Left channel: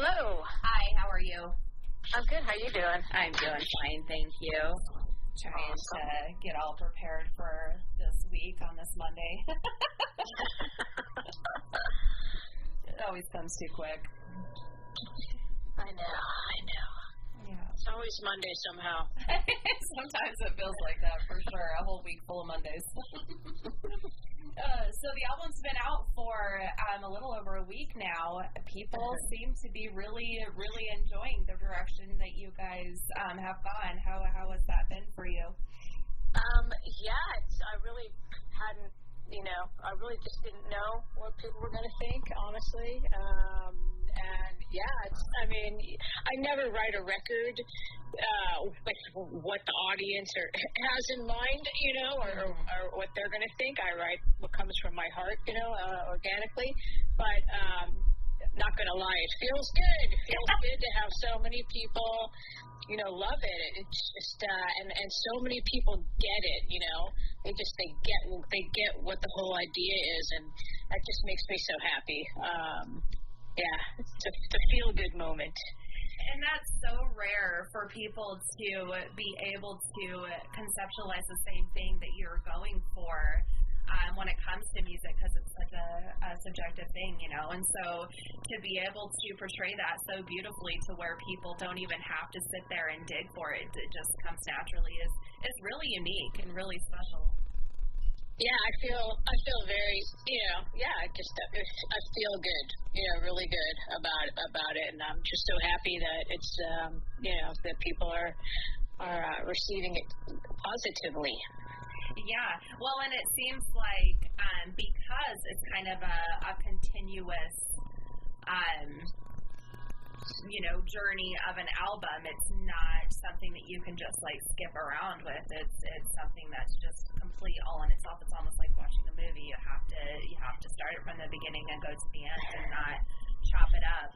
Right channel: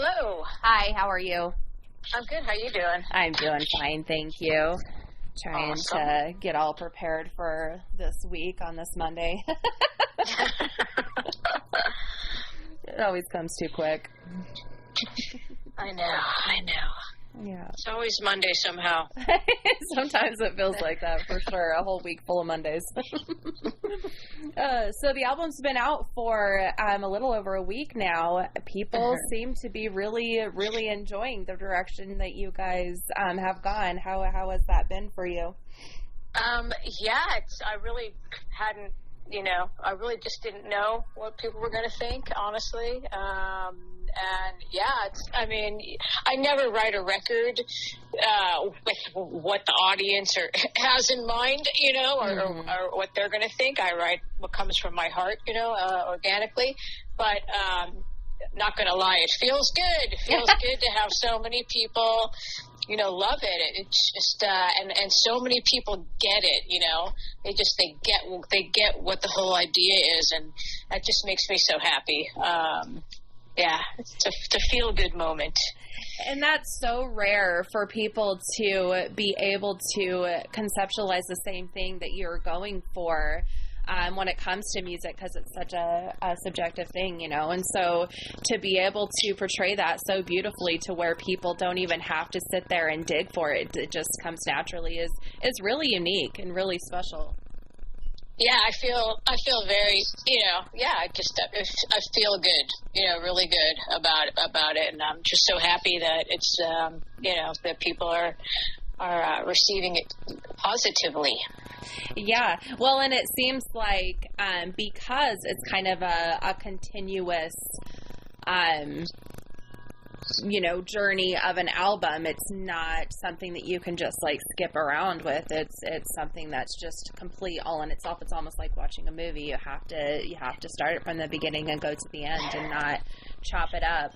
Hello. Hi, how are you? I'm good. How you doing? I'm doing fine, thank you. Trying to get all prepared for this week on this Monday. It always comes too quick. I know. Yeah. It's always Monday somehow. Sometimes it feels like that, for sure. A whole week full of Mondays. So the album's been out for a little over a week now. People seem to be really, really enjoying the direction that you guys have gone. How has that been for you? I really hadn't, I really just didn't know what people were going to think, honestly. I never write a record with what the audience has in mind, or what they're going to think. I write what comes from my heart, organically. But not going to lie, it feels good. It feels good to have so many people, love it. It's just and so many people get it. They get what the whole idea is, and that just makes me so happy. It's a feel-good moment. And that's so rare for people to be able to conceptualize the same thing that you're going for when it comes to music, because it's such a subjective thing, and so to be able to portray that so beautifully to where people don't even have to sit there and dig for it, it just comes naturally, is really unique and really special. Yeah, I feel very, I feel good, really good about it, and I'm just so happy that it's, that people are receiving it positively. Yeah, well, and it seems like because it's kind of a continuous, journey of an album, it's not something that you can just like skip around with. It's something that's just complete all in itself. It's almost like watching a movie. You have to start it from the beginning and go to the end and not chop it up.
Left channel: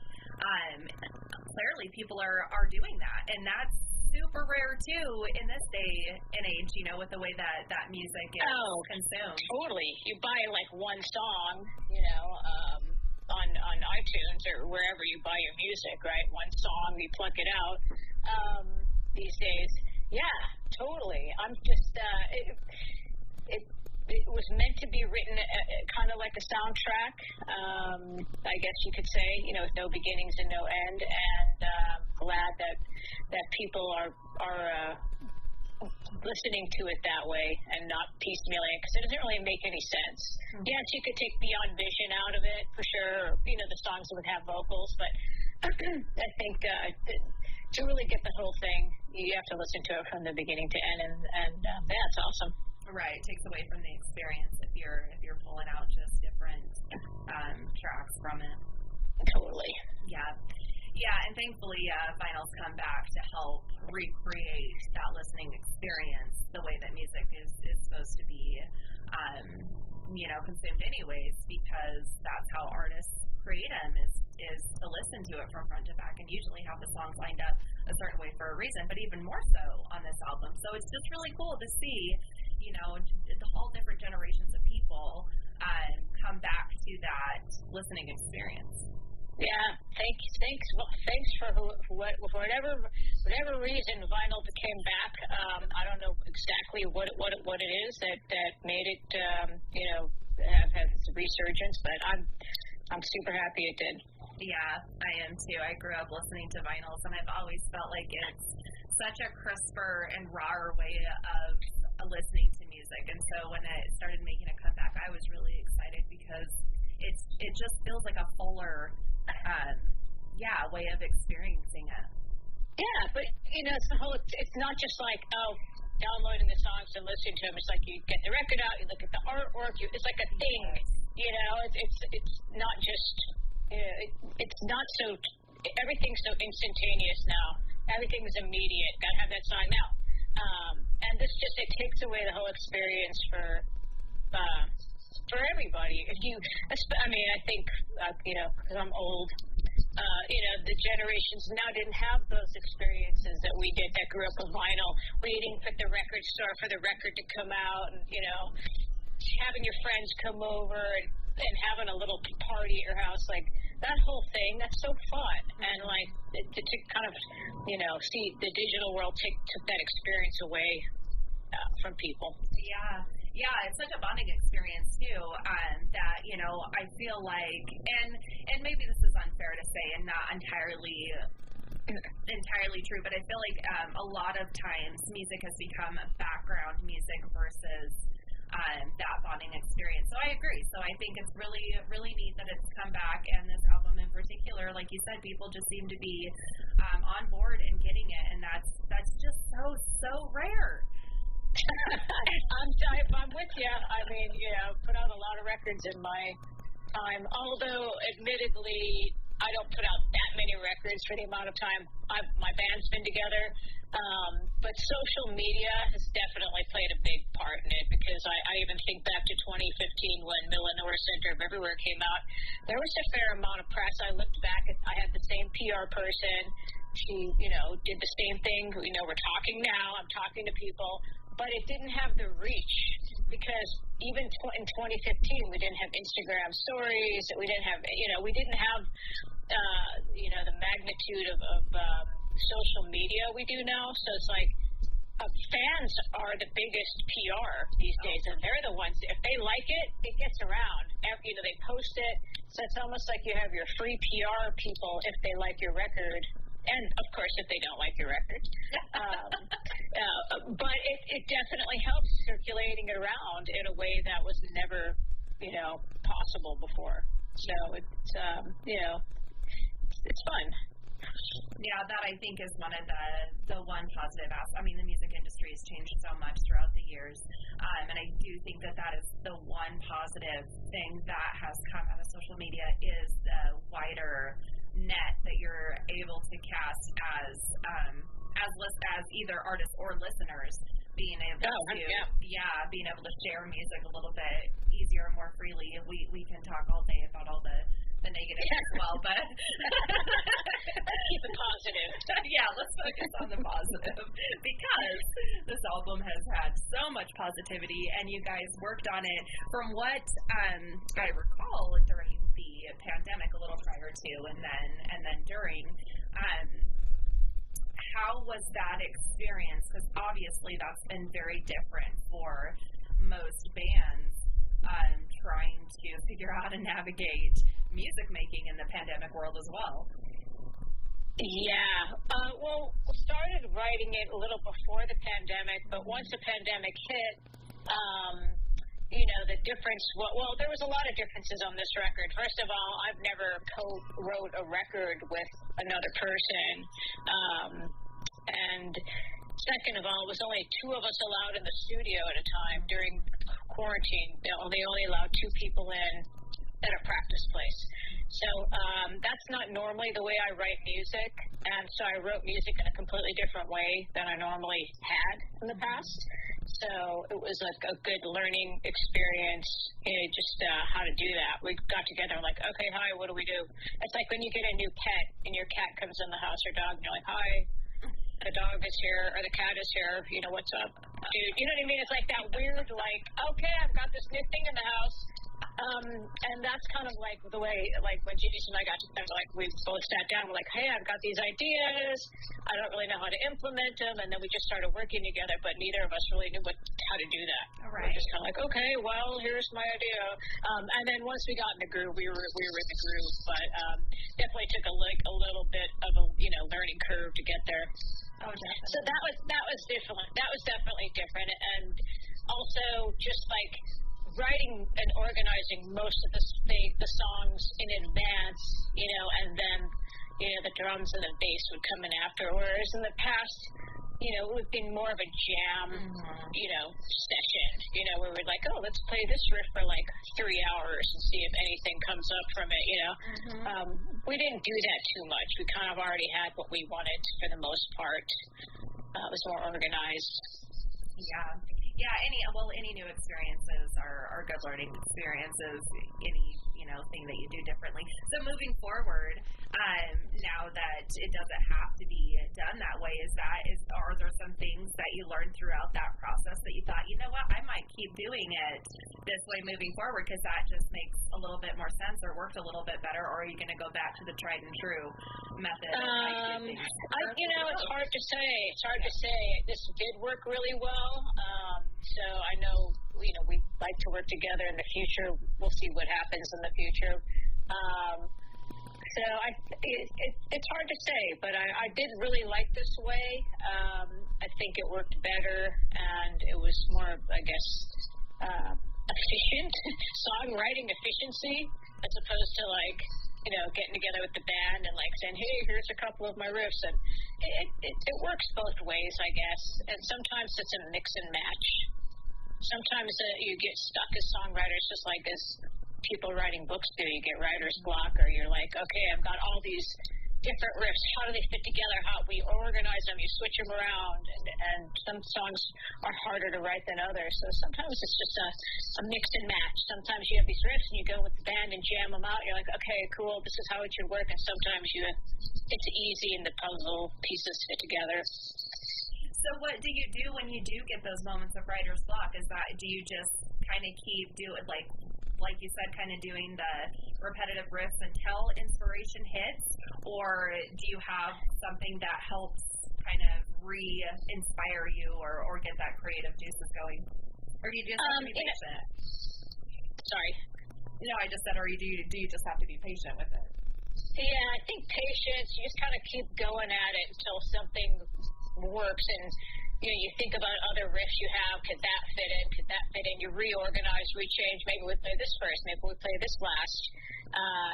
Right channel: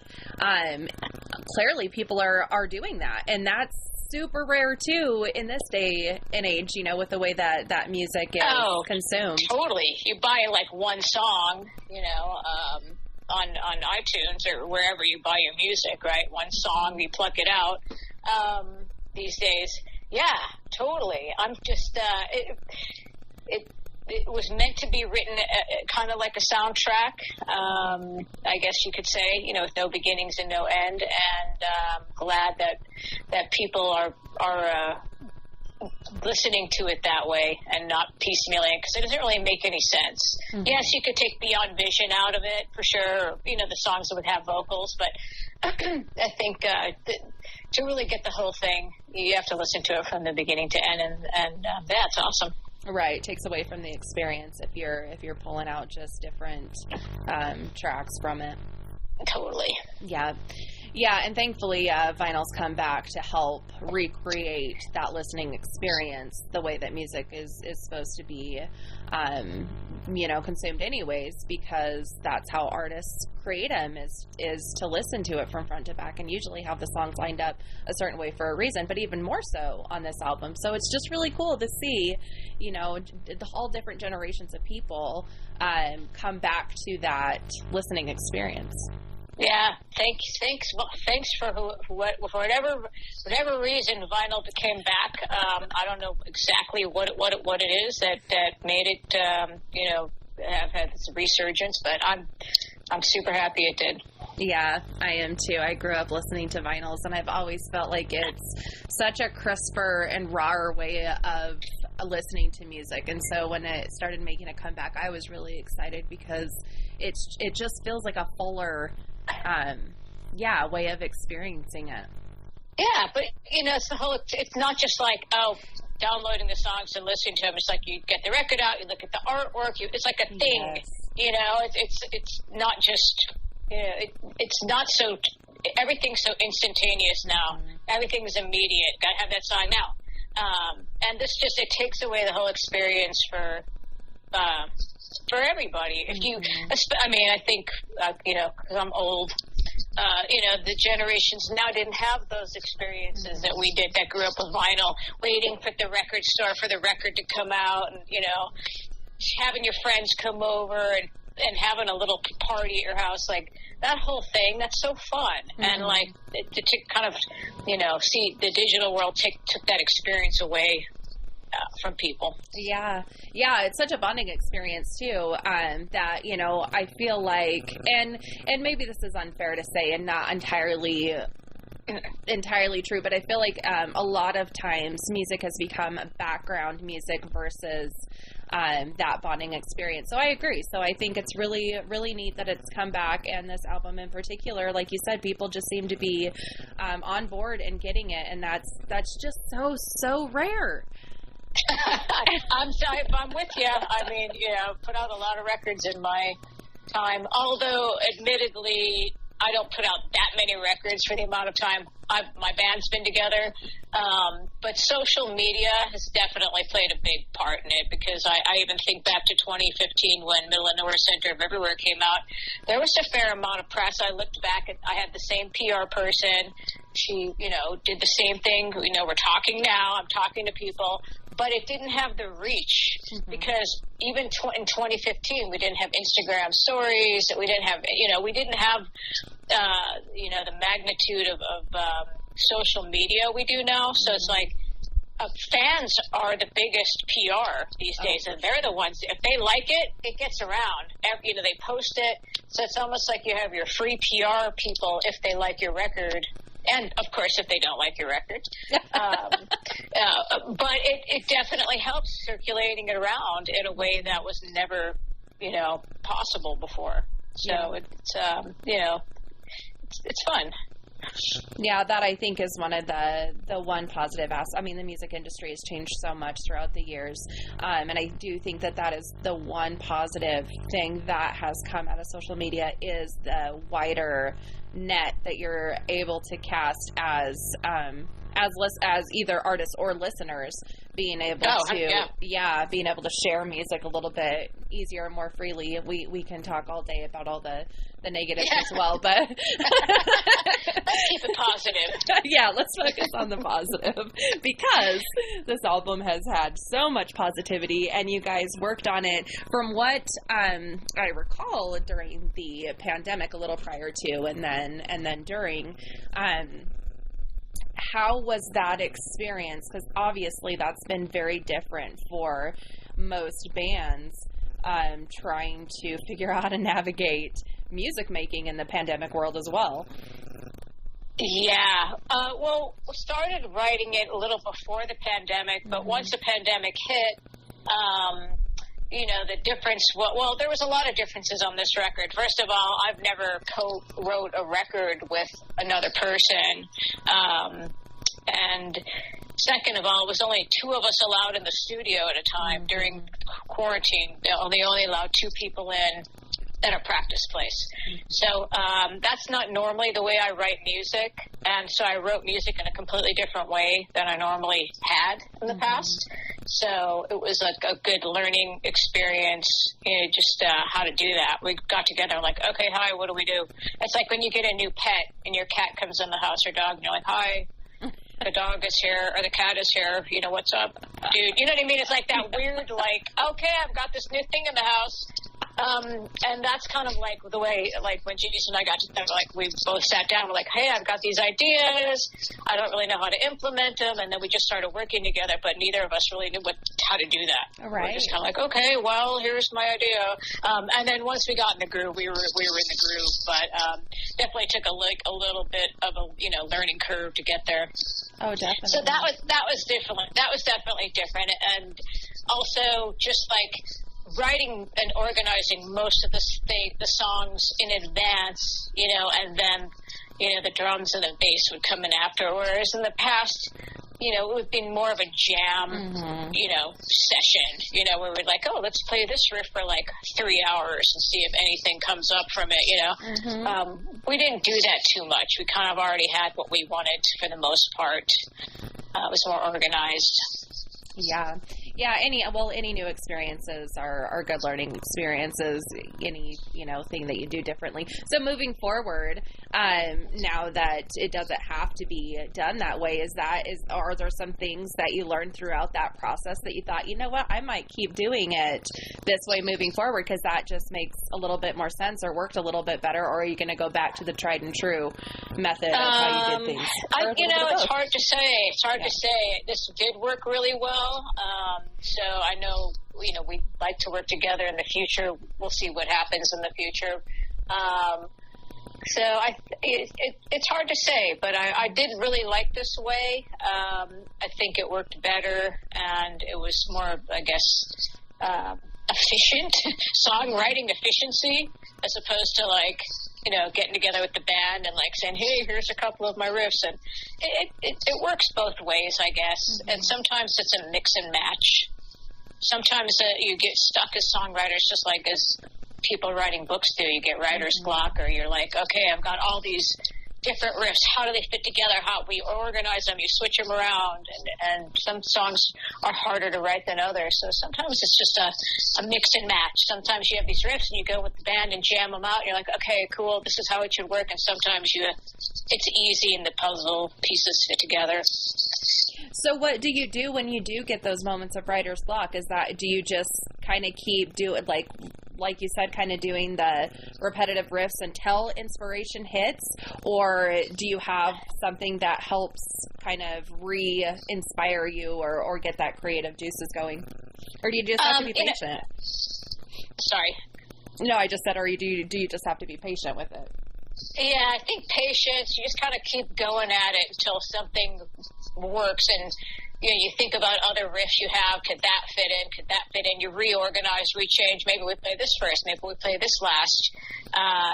Clearly people are doing that, and that's super rare too in this day and age, with the way that music is consumed. Totally. You buy like one song, on iTunes or wherever you buy your music, right? One song, you pluck it out. These days, yeah, totally. I'm just it was meant to be written kind of like a soundtrack, I guess you could say, with no beginnings and no end. And glad that people are listening to it that way and not piecemealing, because it doesn't really make any sense. Mm-hmm. Yes, you could take Beyond Vision out of it for sure, or, the songs that would have vocals, but I think to really get the whole thing, you have to listen to it from the beginning to end, and that's awesome. Right, it takes away from the experience if you're pulling out just different tracks from it. Totally. Yeah, and thankfully vinyl's come back to help recreate that listening experience the way that music is supposed to be, consumed anyways, because that's how artists create them, is to listen to it from front to back and usually have the songs lined up a certain way for a reason, but even more so on this album. So it's just really cool to see, the whole different generations of people come back to that listening experience. Yeah, thanks for whatever reason vinyl came back. I don't know exactly what it is that made it have had its resurgence, but I'm super happy it did. Yeah, I am too. I grew up listening to vinyls, and I've always felt like it's such a crisper and rawer way of listening to music. And so when it started making a comeback, I was really excited because it just feels like a fuller way of experiencing it. Yeah, but it's not just like downloading the songs and listening to them. It's like you get the record out, you look at the artwork, it's like a thing. Yes. It's not just it's not so, everything's so instantaneous now. Everything's immediate. Gotta have that song now. And this just, it takes away the whole experience for everybody. If you, I think, because I'm old, the generations now didn't have those experiences that we did, that grew up with vinyl, waiting for the record store for the record to come out, and, having your friends come over and having a little party at your house. Like, that whole thing, that's so fun. And like to kind of, see the digital world took that experience away from people. Yeah, it's such a bonding experience too. That I feel like, and maybe this is unfair to say, and not entirely true, but I feel like a lot of times music has become background music versus that bonding experience. So I agree. So I think it's really, really neat that it's come back, and this album in particular, like you said, people just seem to be on board and getting it, and that's just so rare. I'm with you. I mean, put out a lot of records in my time, although admittedly I don't put out that many records for the amount of time my band's been together. But social media has definitely played a big part in it, because I even think back to 2015 when Middle and Nowhere Center of Everywhere came out. There was a fair amount of press. I looked back at, I had the same PR person. She, did the same thing. We're talking now. I'm talking to people. But it didn't have the reach, because even in 2015, we didn't have Instagram stories. We didn't have, the magnitude of social media we do now. So it's like fans are the biggest PR these days, and they're the ones, if they like it, it gets around. They post it. So it's almost like you have your free PR people if they like your record. And, of course, if they don't like your record. But it definitely helps circulating it around in a way that was never, possible before. So it's fun. Yeah, that I think is one of the one positive aspect. I mean, the music industry has changed so much throughout the years, and I do think that is the one positive thing that has come out of social media, is the wider net that you're able to cast as either artists or listeners, being able being able to share music a little bit easier and more freely. We can talk all day about all the negatives as well, but let's keep it positive. Yeah, let's focus on the positive, because this album has had so much positivity, and you guys worked on it from what I recall during the pandemic, a little prior to, and then during. How was that experience? Because obviously that's been very different for most bands, trying to figure out how to navigate music making in the pandemic world as well. Yeah. Well, we started writing it a little before the pandemic, but once the pandemic hit, the difference, well, there was a lot of differences on this record. First of all, I've never co-wrote a record with another person. And second of all, it was only two of us allowed in the studio at a time during quarantine. They only allowed two people in at a practice place. So that's not normally the way I write music, and so I wrote music in a completely different way than I normally had in the past. So it was a good learning experience, just how to do that. We got together like, okay, hi, what do we do? It's like when you get a new pet and your cat comes in the house or dog, and you're like, hi, the dog is here, or the cat is here, what's up, dude? You know what I mean? It's like that weird, like, okay, I've got this new thing in the house. And that's kind of like the way, like when Jason and I got together, like we both sat down, we're like, hey, I've got these ideas, I don't really know how to implement them, and then we just started working together, but neither of us really knew how to do that. Right. We're just kind of like, okay, well, here's my idea. And then once we got in the groove, we were in the groove, but definitely took a little bit of a learning curve to get there. Oh, definitely. So that was different. That was definitely different, and also just like writing and organizing most of the songs in advance, and then, the drums and the bass would come in after. Whereas in the past, it would be more of a jam, session, where we're like, oh, let's play this riff for like 3 hours and see if anything comes up from it, We didn't do that too much. We kind of already had what we wanted for the most part. It was more organized. Yeah. Yeah, any new experiences are good learning experiences, any, thing that you do differently. So moving forward, now that it doesn't have to be done that way, are there some things that you learned throughout that process that you thought, you know what, I might keep doing it this way moving forward because that just makes a little bit more sense or worked a little bit better, or are you going to go back to the tried and true method of how you did things? It's hard to say. It's hard to say. This did work really well. So I know, we'd like to work together in the future. We'll see what happens in the future. So it's hard to say, but I did really like this way. I think it worked better, and it was more, I guess, efficient, songwriting efficiency, as opposed to getting together with the band and saying, hey, here's a couple of my riffs. And it works both ways, I guess. Mm-hmm. And sometimes it's a mix and match. Sometimes you get stuck as songwriters, just like as people writing books do. You get writer's block, or you're like, okay, I've got all these different riffs. How do they fit together? How we organize them? You switch them around, and some songs are harder to write than others. So sometimes it's just a mix and match. Sometimes you have these riffs and you go with the band and jam them out. And you're like, okay, cool, this is how it should work. And sometimes it's easy and the puzzle pieces fit together. So what do you do when you do get those moments of writer's block? Do you just kind of keep doing like you said, kind of doing the repetitive riffs until inspiration hits, or do you have something that helps kind of re-inspire you or get that creative juices going? Or do you just have to be patient? Sorry. No, I just said, or do you just have to be patient with it? Yeah, I think patience. You just kind of keep going at it until something works, and you think about other riffs you have. Could that fit in? Could that fit in? You reorganize, rechange. Maybe we play this first. Maybe we play this last.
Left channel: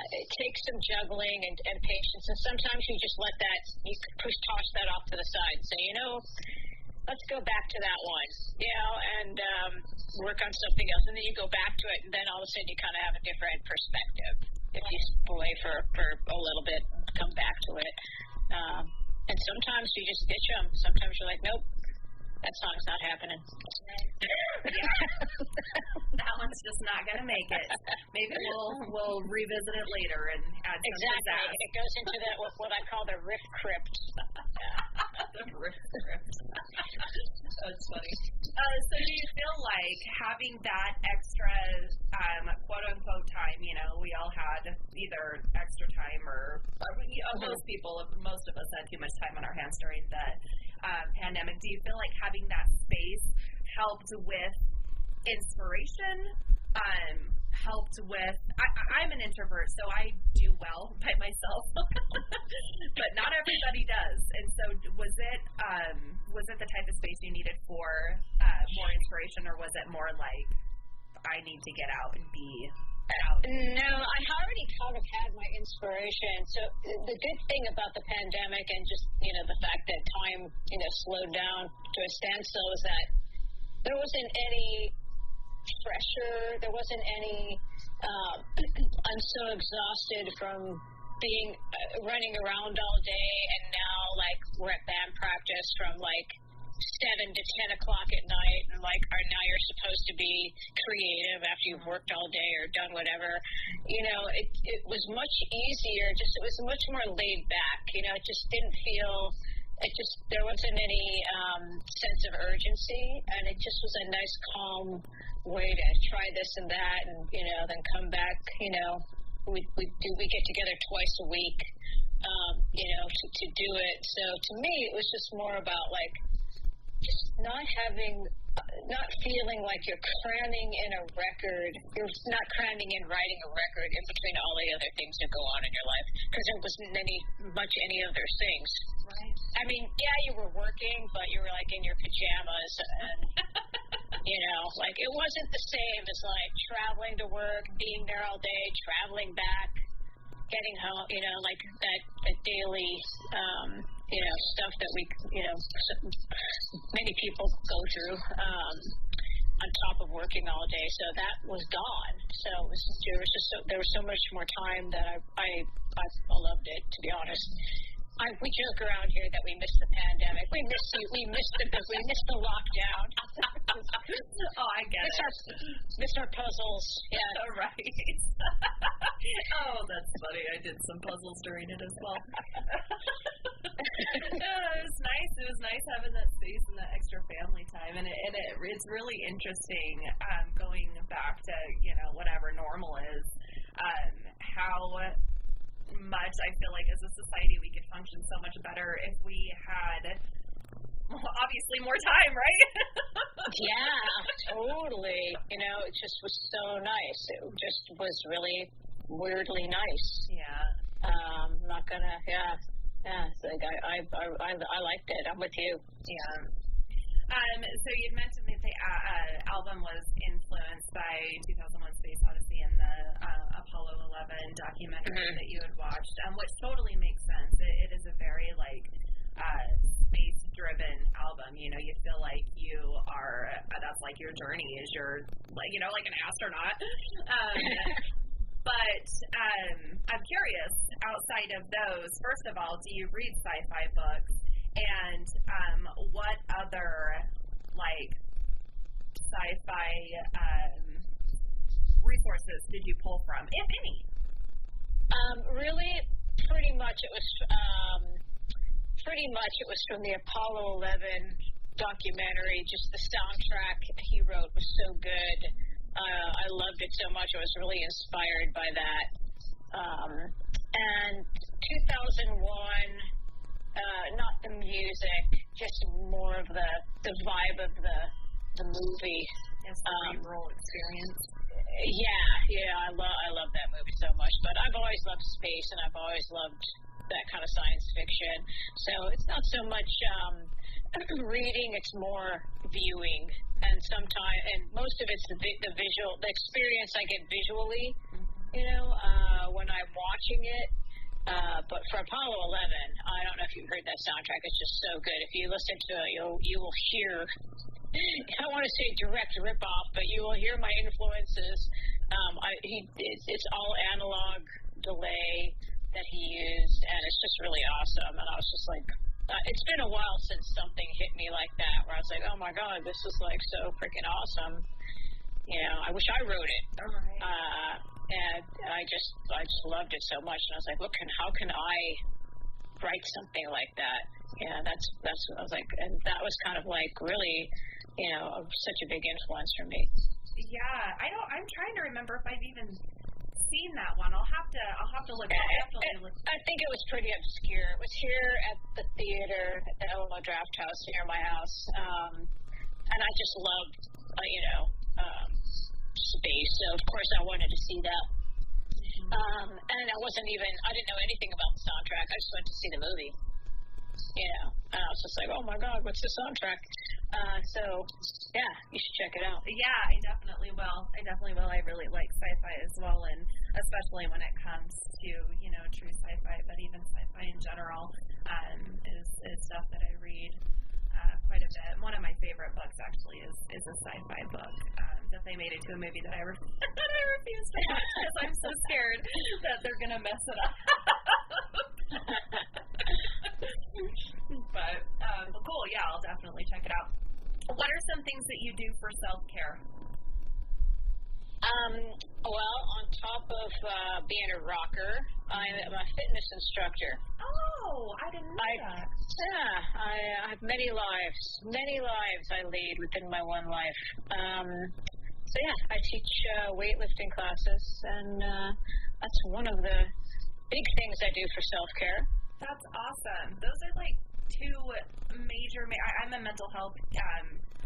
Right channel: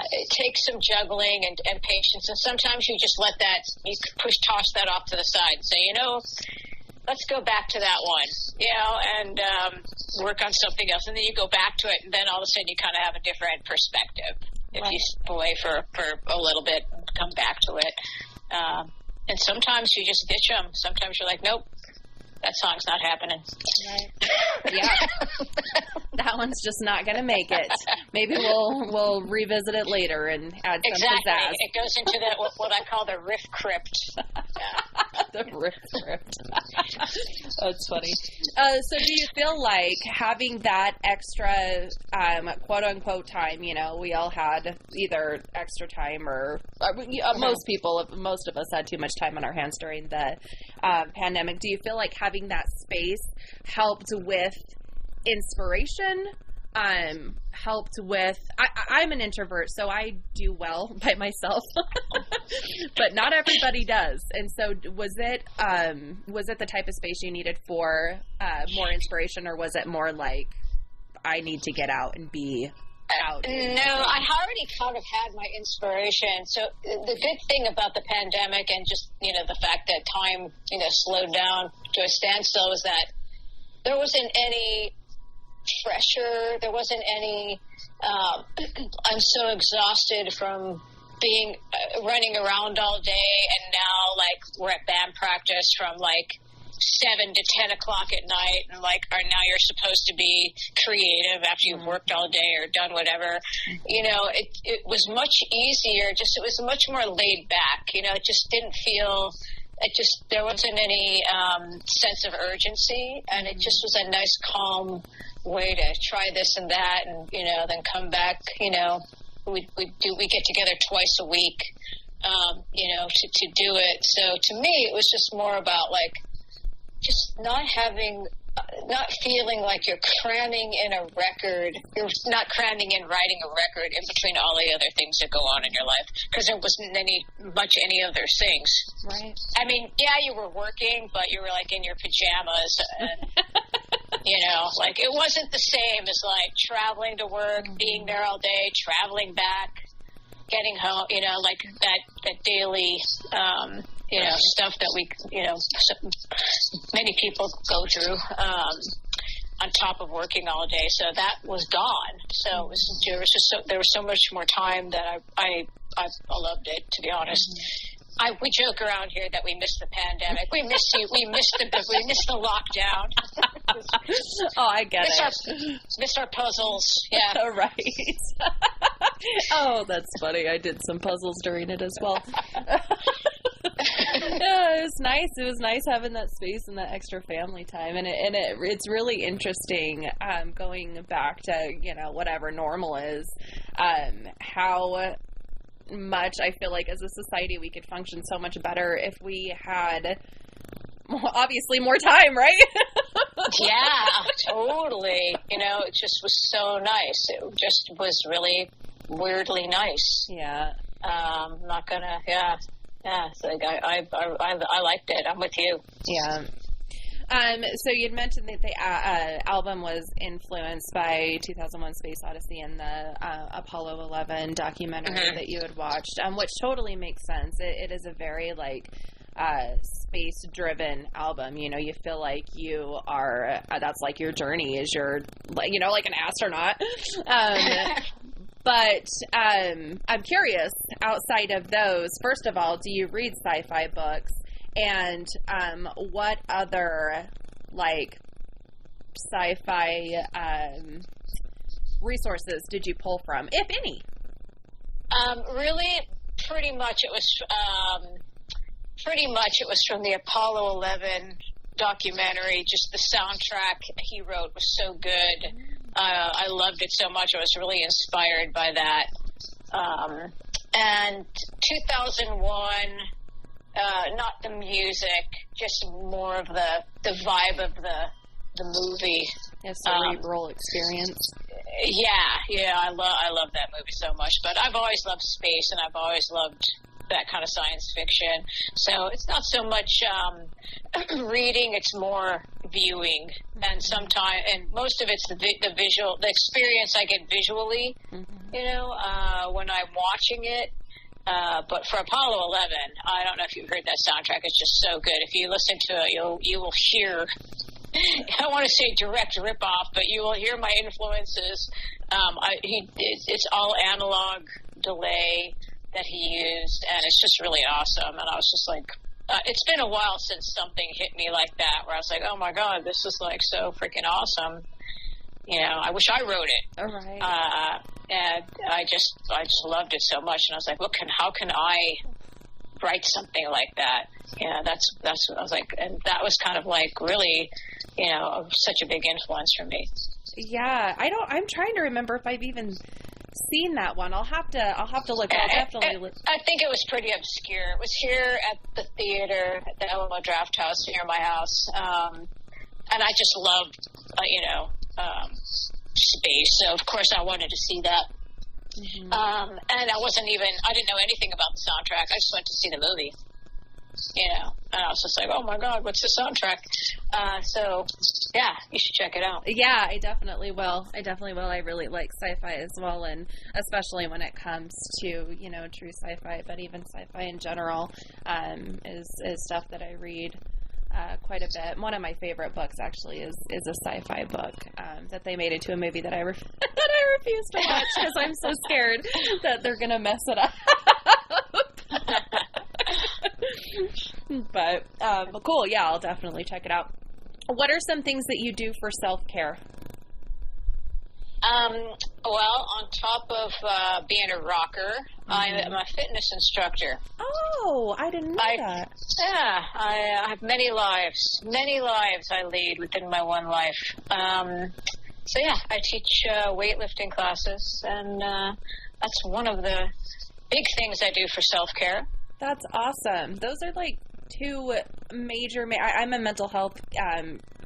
It takes some juggling and patience. And sometimes you just toss that off to the side and say, let's go back to that one, and work on something else. And then you go back to it, and then all of a sudden you kind of have a different perspective. If you step away for a little bit and come back to it. And sometimes you just ditch them. Sometimes you're like, nope. That song's not happening. Right. Yeah. That one's just not going to make it. Maybe we'll revisit it later and add some pizzazz. It goes into what I call the riff crypt. The riff crypt. That's funny. So do you feel like having that extra quote unquote time, we all had either extra time or most of us had too much time on our hands during the pandemic. Do you feel like having that space helped with inspiration? Helped with I'm an introvert, so I do well by myself, but not everybody does. And so was it the type of space you needed for more inspiration, or was it more like I need to get out and be out? No, I already kind of had my inspiration. So the good thing about the pandemic and just, the fact that time, slowed down to a standstill was that there wasn't any pressure. There wasn't any, I'm so exhausted from being running around all day, and now we're at band practice from 7 to 10 o'clock at night, and now you're supposed to be creative after you've worked all day or done whatever. It was much easier. It was much more laid back. It just didn't feel. There wasn't any sense of urgency, and it just was a nice, calm way to try this and that, and then come back. We get together twice a week, to do it. So to me, it was just more about just not feeling like you're cramming in a record. You're not cramming in writing a record in between all the other things that go on in your life, because there wasn't any of those things. Right. I mean, yeah, you were working, but you were in your pajamas, and it wasn't the same as traveling to work, being there all day, traveling back, getting home. That daily. Stuff that many people go through on top of working all day. So that was gone. So there was so much more time that I loved it, to be honest. We joke around here that we missed the pandemic. We missed you. We missed the lockdown. Oh, I get it. Missed our puzzles. Yeah. Right. Oh, that's funny. I did some puzzles during it as well. Yeah, it was nice. It was nice having that space and that extra family time, and it's really interesting going back to whatever normal is, how much I feel like as a society we could function so much better if we had obviously more time, right? Yeah, totally. It just was so nice. It just was really weirdly nice. Yeah. Not gonna. Yeah. So I liked it. I'm with you. Yeah. So you'd mentioned that the album was influenced by 2001: Space Odyssey and the Apollo 11 documentary that you had watched, which totally makes sense. It is a very space-driven album. You feel like you are. That's like your journey is your like an astronaut. But I'm curious. Outside of those, first of all, do you read sci-fi books? And what other sci-fi resources did you pull from, if any? Really, pretty much it was from the Apollo 11 documentary. Just the soundtrack he wrote was so good. I loved it so much. I was really inspired by that. And 2001. Not the music, just more of the vibe of the movie. A cerebral experience. Yeah, I love that movie so much. But I've always loved space, and I've always loved that kind of science fiction. So it's not so much reading; it's more viewing. And most of it's the experience I get visually. When I'm watching it. But for Apollo 11, I don't know if you've heard that soundtrack. It's just so good. If you listen to it, you will hear. I don't want to say direct ripoff, but you will hear my influences. It's all analog delay that he used, and it's just really awesome. And I was just like, it's been a while since something hit me like that, where I was like, oh my god, this is so freaking awesome. I wish I wrote it. All right. And I just loved it so much, and I was like, how can I write something like that? That's what I was like, and that was kind of really, such a big influence for me. Yeah, I'm trying to remember if I've even seen that one. I'll have to look. I'll definitely look. I think it was pretty obscure. It was here at the theater at the Alamo Draft House near my house, and I just loved, space, so of course I wanted to see that. And I didn't know anything about the soundtrack. I just went to see the movie, and I was just like, oh my god, what's the soundtrack? So yeah, you should check it out. Yeah, I definitely will. I really like sci-fi as well, and especially when it comes to true sci-fi, but even sci-fi in general is stuff that I read quite a bit. One of my favorite books actually is a sci-fi book that they made into a movie that I refuse to watch because I'm so scared that they're gonna mess it up. But cool. Yeah, I'll definitely check it out. What are some things that you do for self-care? Well, on top of being a rocker, I'm a fitness instructor. Oh, I didn't know that. Yeah, I have many lives I lead within my one life. So yeah, I teach weightlifting classes, and that's one of the big things I do for self-care. That's awesome. Those are two major. I'm a mental health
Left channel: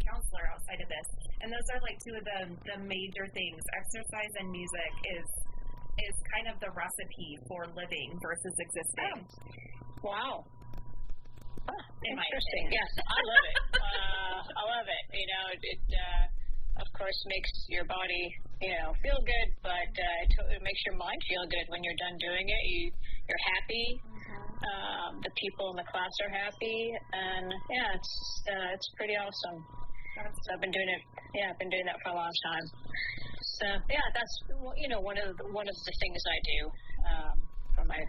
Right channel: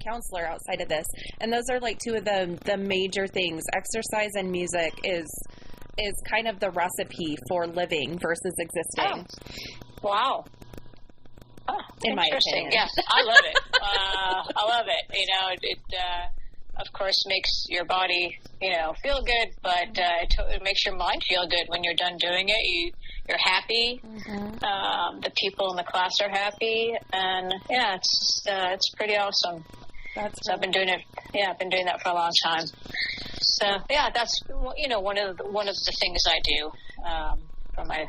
counselor outside of this, and those are two of the major things. Exercise and music is kind of the recipe for living versus existing. Oh. Wow. Oh, in my opinion. Yes, I love it. I love it. It of course makes your body feel good, but it makes your mind feel good when you're done doing it. You're happy. The people in the class are happy, and yeah, it's pretty awesome. So I've been doing it. Yeah, I've been doing that for a long time. So yeah, that's one of the things I do for my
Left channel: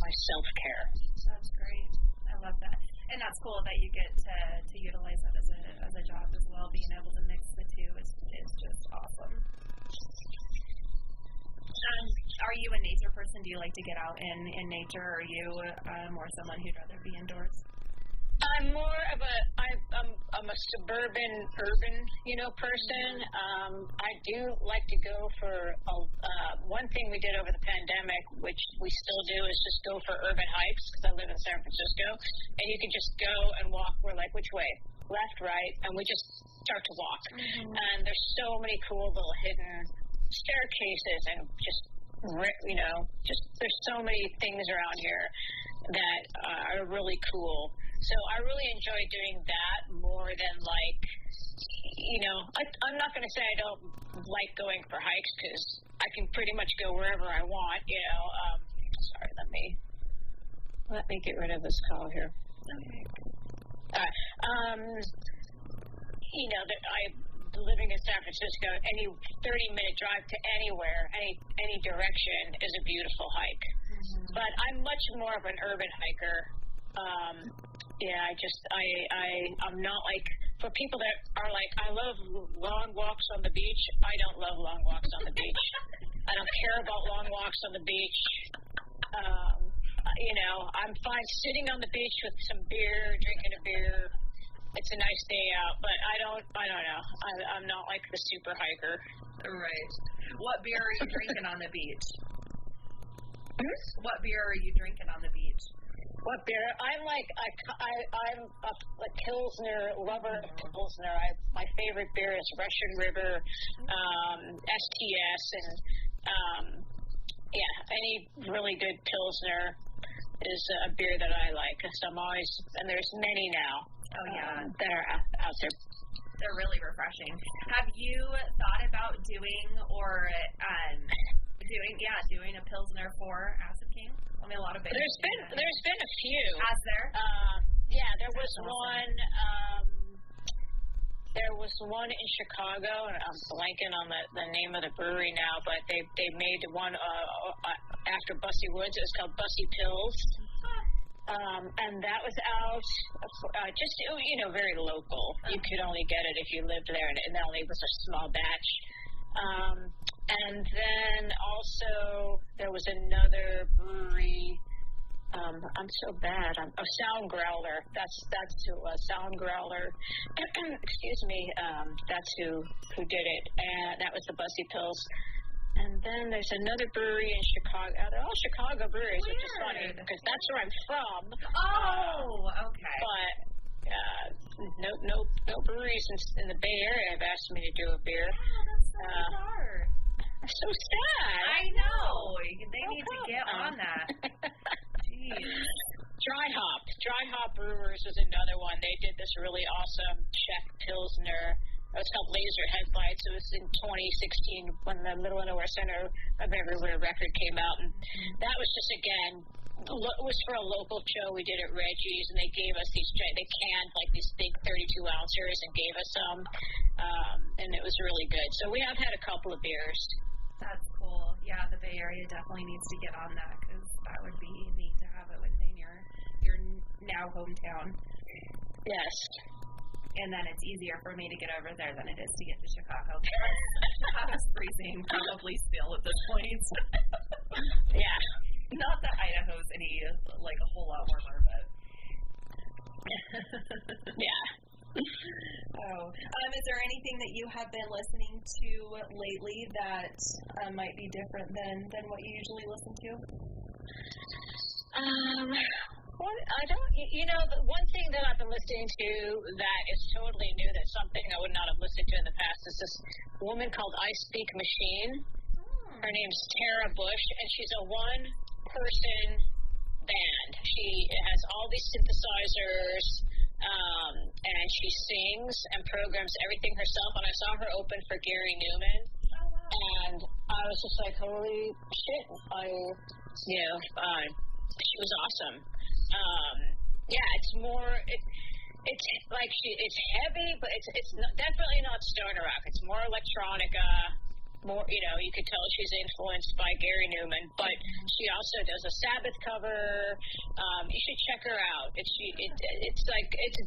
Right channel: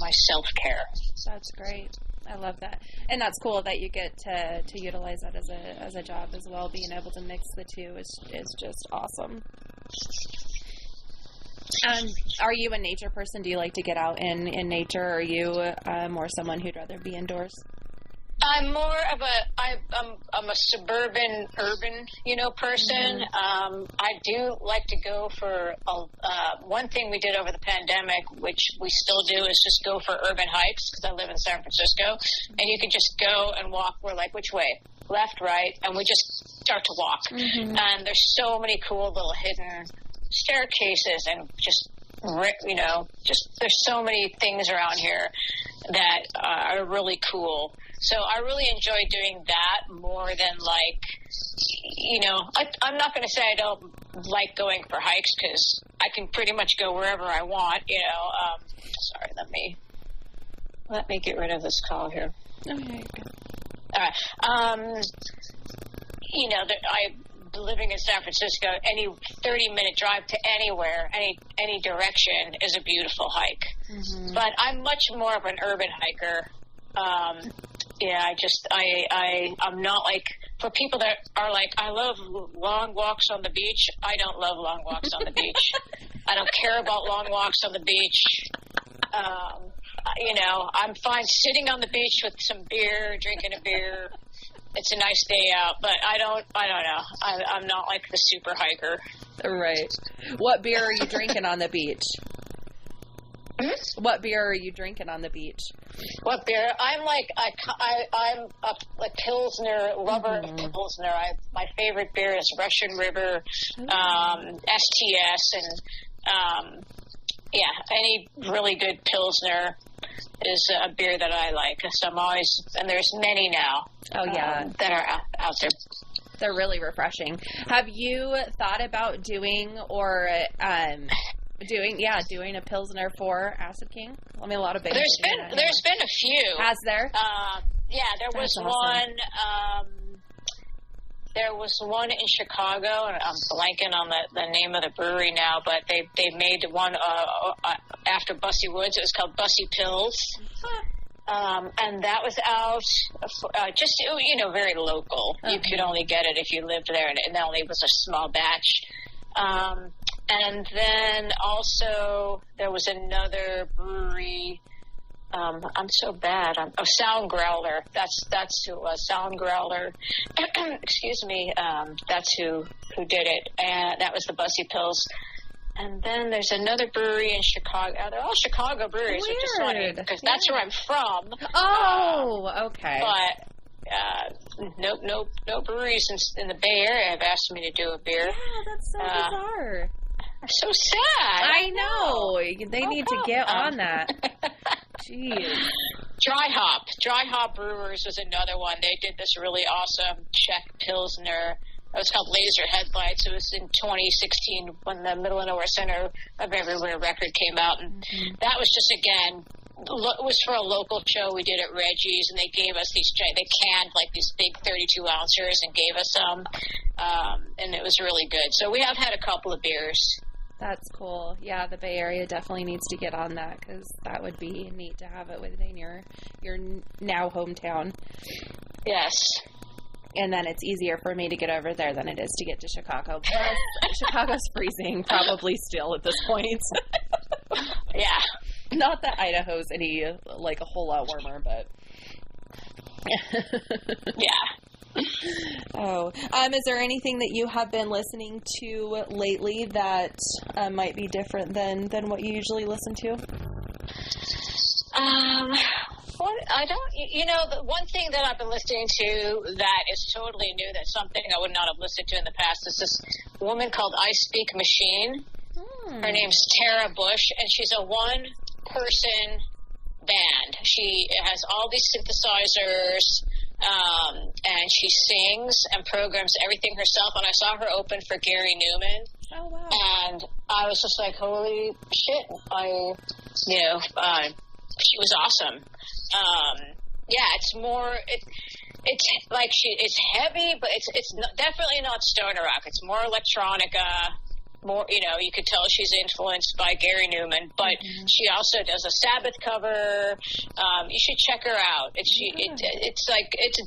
my self-care. That's great. I love that. And that's cool that you get to utilize that as a job as well. Being able to mix the two is just awesome. Are you a nature person? Do you like to get out in nature? Or are you more someone who'd rather be indoors? I'm more of I'm a suburban, urban, person. Mm-hmm. I do like to go for one thing we did over the pandemic, which we still do, is just go for urban hikes, because I live in San Francisco, and you can just go and walk. We're like, which way? Left, right, and we just start to walk. Mm-hmm. And there's so many cool little hidden staircases, and just there's so many things around here that are really cool. So I really enjoy doing that more than I'm not going to say I don't like going for hikes, because I can pretty much go wherever I want. Sorry, let me get rid of this call here. Okay. All right. Living in San Francisco, any 30-minute drive to anywhere, any direction is a beautiful hike. Mm-hmm. But I'm much more of an urban hiker. I'm not like, for people that are like, I love long walks on the beach. I don't love long walks on the beach. I don't care about long walks on the beach. I'm fine sitting on the beach with some beer, drinking a beer. It's a nice day out, but I don't know. I'm not like the super hiker. Right. What beer are you drinking on the beach? What beer are you drinking on the beach? What beer? I'm a Pilsner lover. Mm-hmm. Pilsner. My favorite beer is Russian River, STS, and any really good Pilsner is a beer that I like. So I'm always, and there's many now. Oh yeah, that are out there. They're really refreshing. Have you thought about doing a Pilsner for Acid King? I mean, a lot of bands. There's been a few. Has there? There was awesome. one. There was one in Chicago, and I'm blanking on the name of the brewery now, but they made one after Bussy Woods. It was called Bussy Pills. And that was out just, very local. Uh-huh. You could only get it if you lived there, and it only was a small batch. And then also there was another brewery. I'm so bad. Sound Growler. That's who it was. Sound Growler. Excuse me. That's who did it. And that was the Bussy Pills. And then there's another brewery in Chicago. They're all Chicago breweries, which is funny, because that's where I'm from. Oh, okay. But no breweries in the Bay Area have asked me to do a beer. Yeah, that's so bizarre. So sad. I know. They need to get on that. Jeez. Dry Hop Brewers was another one. They did this really awesome Czech Pilsner. It was called Laser Headlights. It was in 2016 when the Middle of Nowhere Center of Everywhere record came out. And that was just, again, it was for a local show we did at Reggie's, and they gave us they canned these big 32 ounces and gave us some. And it was really good. So we have had a couple of beers. That's cool. Yeah, the Bay Area definitely needs to get on that, because that would be neat to have it within your now hometown. Yes. And then it's easier for me to get over there than it is to get to Chicago. Plus, Chicago's freezing, probably still at this point. Yeah. Not that Idaho's a whole lot warmer, but... Yeah. Oh. Is there anything that you have been listening to lately that might be different than what you usually listen to? The one thing that I've been listening to that is totally new, that's something I would not have listened to in the past, is this woman called I Speak Machine. Her name's Tara Bush, and she's a one-person band. She has all these synthesizers, and she sings and programs everything herself, and I saw her open for Gary Newman. Oh, wow. And I was just like, holy shit. She was awesome. It's more, it's heavy, but it's definitely not stoner rock. It's more electronica. more, you could tell she's influenced by Gary Newman, but she also does a Sabbath cover. You should check her out. It's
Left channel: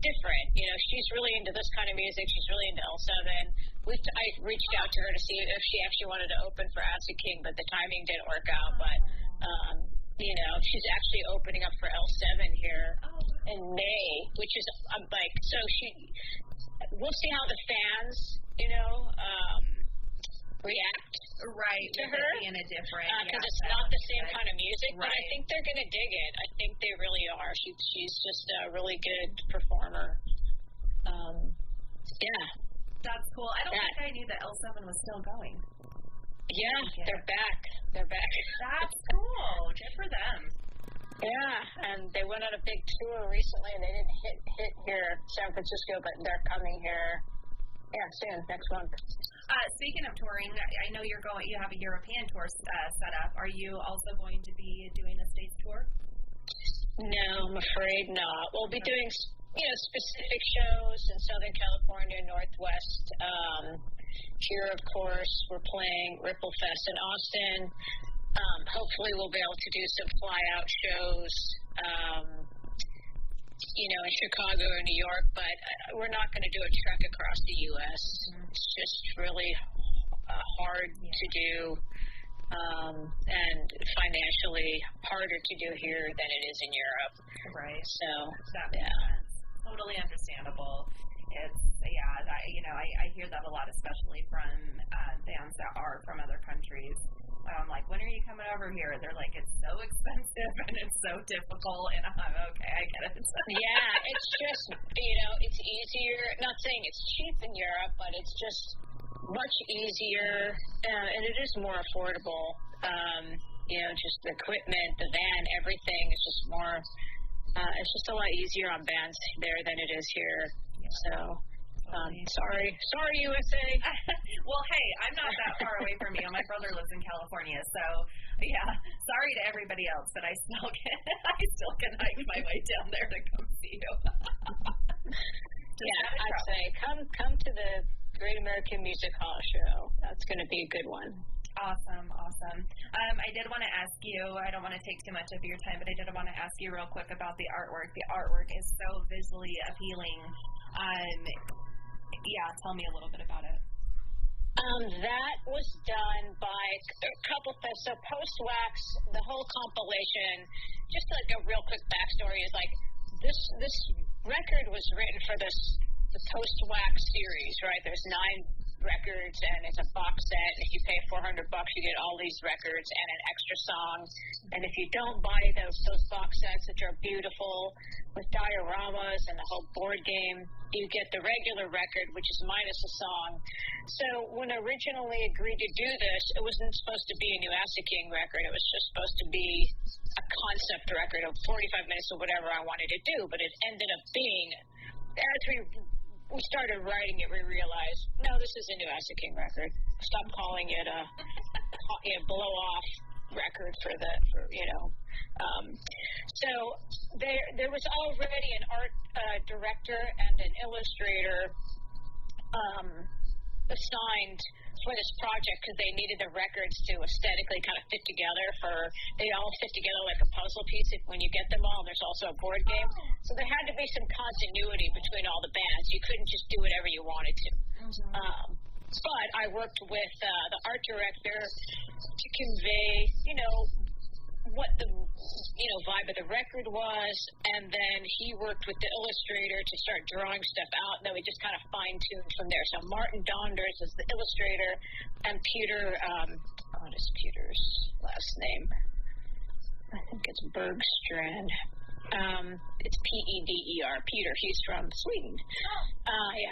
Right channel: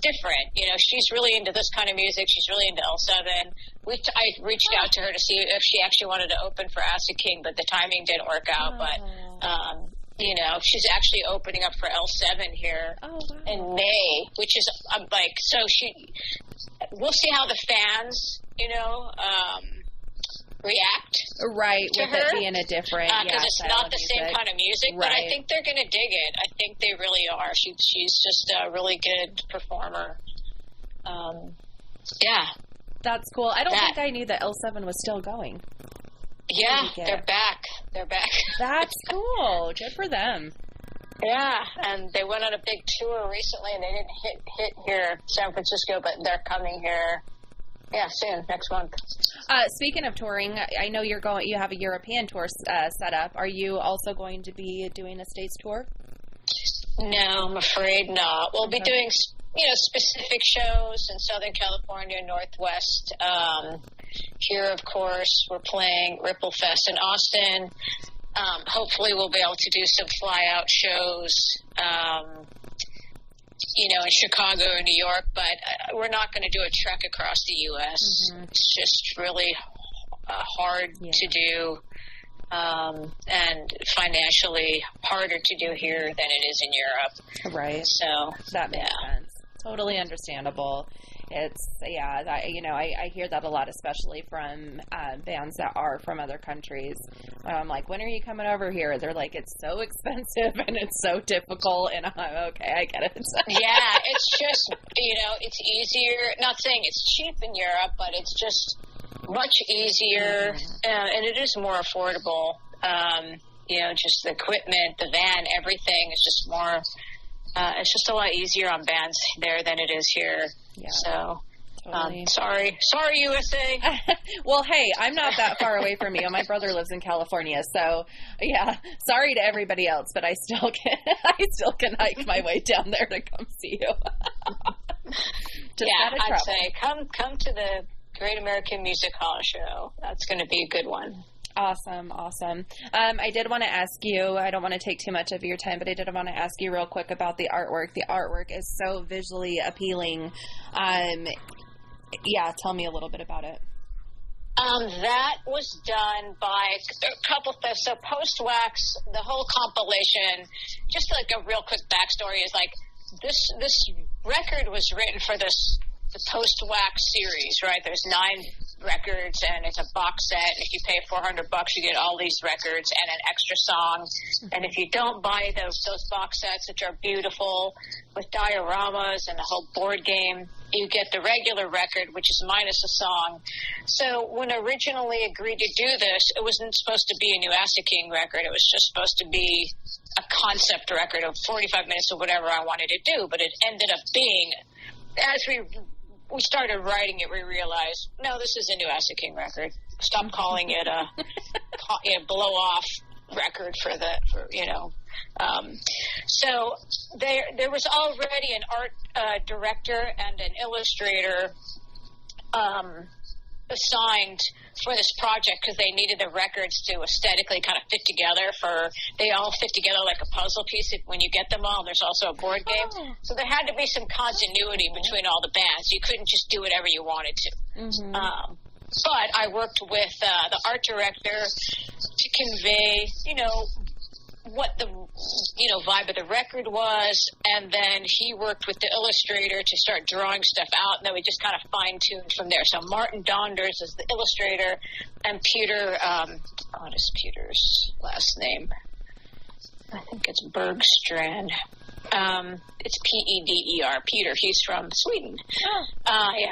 different. She's really into this kind of music. She's really into L7. I reached out to her to see if she actually wanted to open for Acid King, but the timing didn't work out. But she's actually opening up for L7 here in May, which is we'll see how the fans, react. Right, to with her, it being a different, because it's not the same kind of music, right. But I think they're going to dig it. I think they really are. She's just a really good performer. That's cool. I don't think I knew that L7 was still going. Yeah, they're back. That's cool. Good for them. Yeah, and they went on a big tour recently, and they didn't hit here, San Francisco, but they're coming here. Yeah, soon, next month. Speaking of touring, I know you have a European tour set up. Are you also going to be doing a States tour? No, I'm afraid not. We'll be doing, specific shows in Southern California, Northwest. Here, of course, we're playing Ripple Fest in Austin. Hopefully we'll be able to do some fly-out shows, in Chicago or New York, but we're not going to do a trek across the U.S. It's just really hard to do, and financially harder to do here than it is in Europe. Right. So that makes sense. Totally understandable. It's, I hear that a lot, especially from bands that are from other countries. I'm like, when are you coming over here? They're like, it's so expensive and it's so difficult. And I'm okay, I get it. Yeah, it's just, it's easier. Not saying it's cheap in Europe, but it's just much easier, and it is more affordable. Just the equipment, the van, everything is just more. It's just a lot easier on bands there than it is here. Yeah. So, totally. Sorry, USA. Well, hey, I'm not that far away from you. My brother lives in California, so yeah. Sorry to everybody else, but I still can hike my way down there to come see you. I'd say come to the Great American Music Hall show. That's going to be a good one. Awesome. I did want to ask you, I don't want to take too much of your time, but I did want to ask you real quick about the artwork. The artwork is so visually appealing. Tell me a little bit about it. That was done by a couple of so Post-Wax, the whole compilation, just like a real quick backstory is like this record was written for the Post-Wax series, right? There's 9 records, and it's a box set. If you pay $400, you get all these records and an extra song. And if you don't buy those box sets, which are beautiful with dioramas and the whole board game, you get the regular record, which is minus a song. So when I originally agreed to do this, it wasn't supposed to be a new Acid King record. It was just supposed to be a concept record of 45 minutes or whatever I wanted to do. But it ended up being, as we started writing it, we realized, no, this is a new Acid King record. Stop calling it a blow-off record So there was already an art director and an illustrator assigned for this project because they needed the records to aesthetically kind of fit together. They all fit together like a puzzle piece when you get them all. There's also a board game. So there had to be some continuity between all the bands. You couldn't just do whatever you wanted to. But I worked with the art director to convey, what the vibe of the record was, and then he worked with the illustrator to start drawing stuff out, and then we just kind of fine-tuned from there. So Martin Donders is the illustrator, and Peter, what is Peter's last name? I think it's Bergstrand. It's P-E-D-E-R, Peter. He's from Sweden.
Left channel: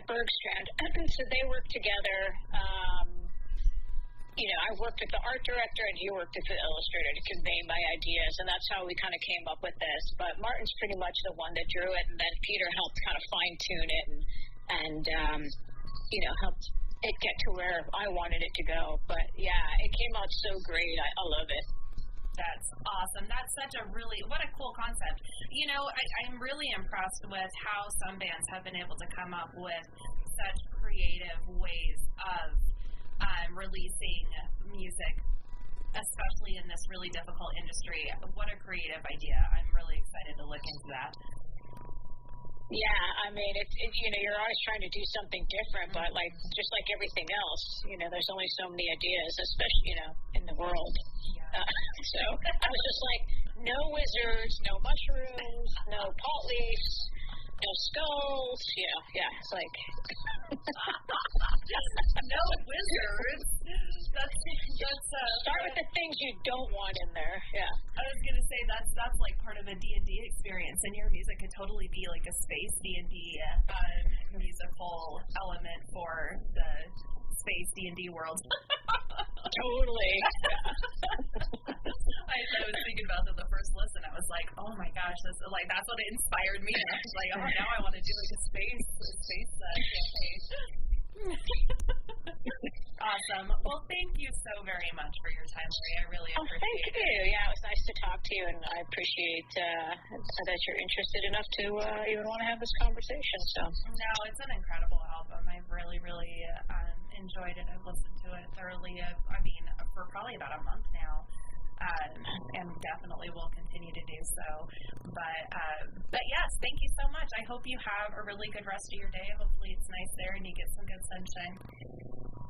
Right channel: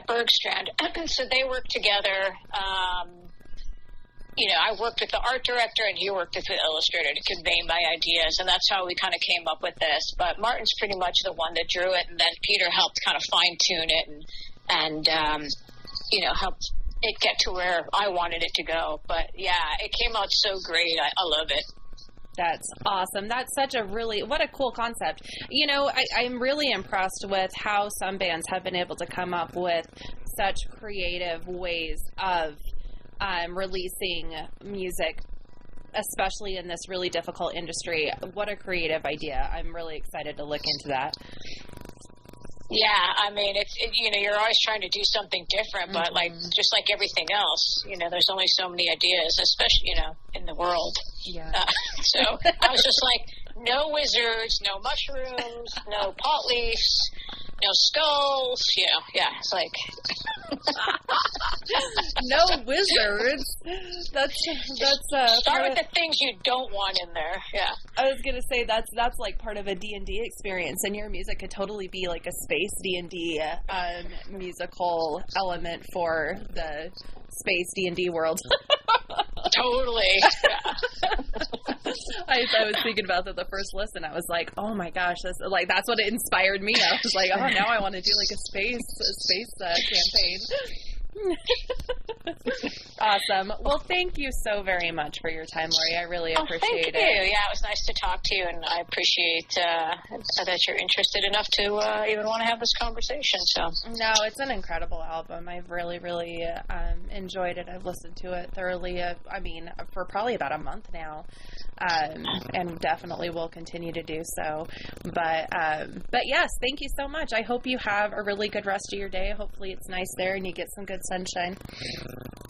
Bergstrand. So they worked together. I worked with the art director and he worked with the illustrator to convey my ideas, and that's how we kind of came up with this. But Martin's pretty much the one that drew it, and then Peter helped kind of fine-tune it and helped it get to where I wanted it to go. But, it came out so great. I love it. That's awesome. That's such what a cool concept. I'm really impressed with how some bands have been able to come up with such creative ways of releasing music, especially in this really difficult industry. What a creative idea. I'm really excited to look into that. Yeah, I mean, you're always trying to do something different, but like, just like everything else, there's only so many ideas, especially, in the world. Yeah. So I was just like, no wizards, no mushrooms, no pot leaves, no skulls. Yeah, it's like no wizards. That's start with the things you don't want in there. Yeah, I was gonna say that's like part of a D&D experience, and your music could totally be like a space D&D musical element for the space D&D world. Totally. I was thinking about that the first listen. I was like, oh my gosh, that's what it inspired me. I was like, oh, now I want to do like a space campaign. Awesome. Well, thank you so very much for your time, Lori. I really appreciate it. Thank you. Yeah, it was nice to talk to you, and I appreciate that you're interested enough to even want to have this conversation. So no, it's an incredible album. I've really, really enjoyed it. I've listened to it thoroughly. For probably about a month now. And definitely will continue to do so. But yes, thank you so much. I hope you have a really good rest of your day. Hopefully it's nice there and you get some good sunshine.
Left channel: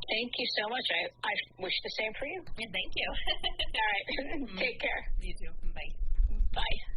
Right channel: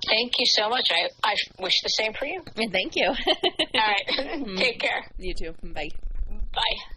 Thank you so much. I wish the same for you. Thank you. All right. Take care. You too. Bye. Bye.